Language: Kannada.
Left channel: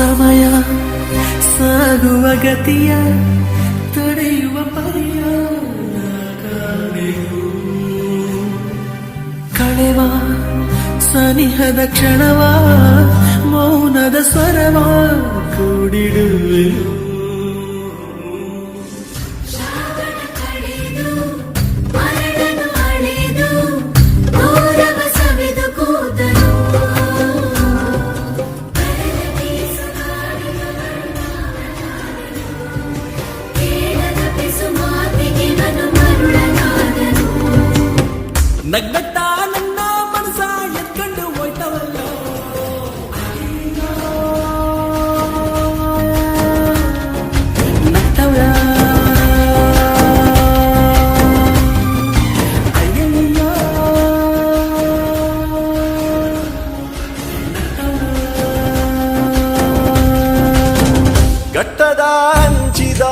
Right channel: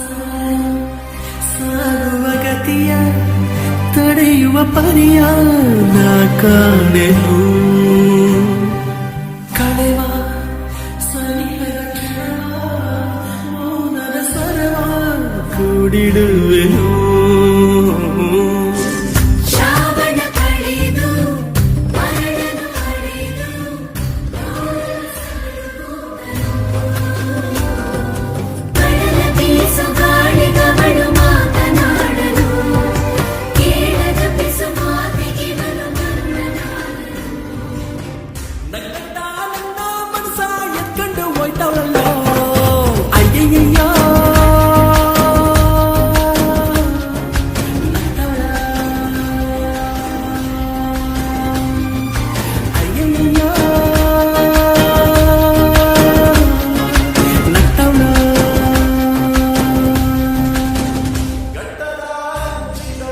ಸಮಯ ಸಾಗುವ ಗತಿಯ ತಡೆಯುವ ಪರಿಯ ನಾ ಕಾಣೆನು ಕಳೆವ ಸನಿಹದ ಕ್ಷಣವ ಮೌನದ ಸ್ವರವ ಕೂಡಿಡುವೆನು ನಗ್ನಗ್ತಾ ನನ್ನ ಮನಸ ಎತ್ಕೊಂಡು ಹೋಯ್ತವಳಲ್ಲೋ ಅಯ್ಯಯ್ಯೋ ನಗ್ತವಳ ಅಯ್ಯಯ್ಯೋ ನಗ್ತವಳ ಘಟ್ಟದ ಹಂಚಿದ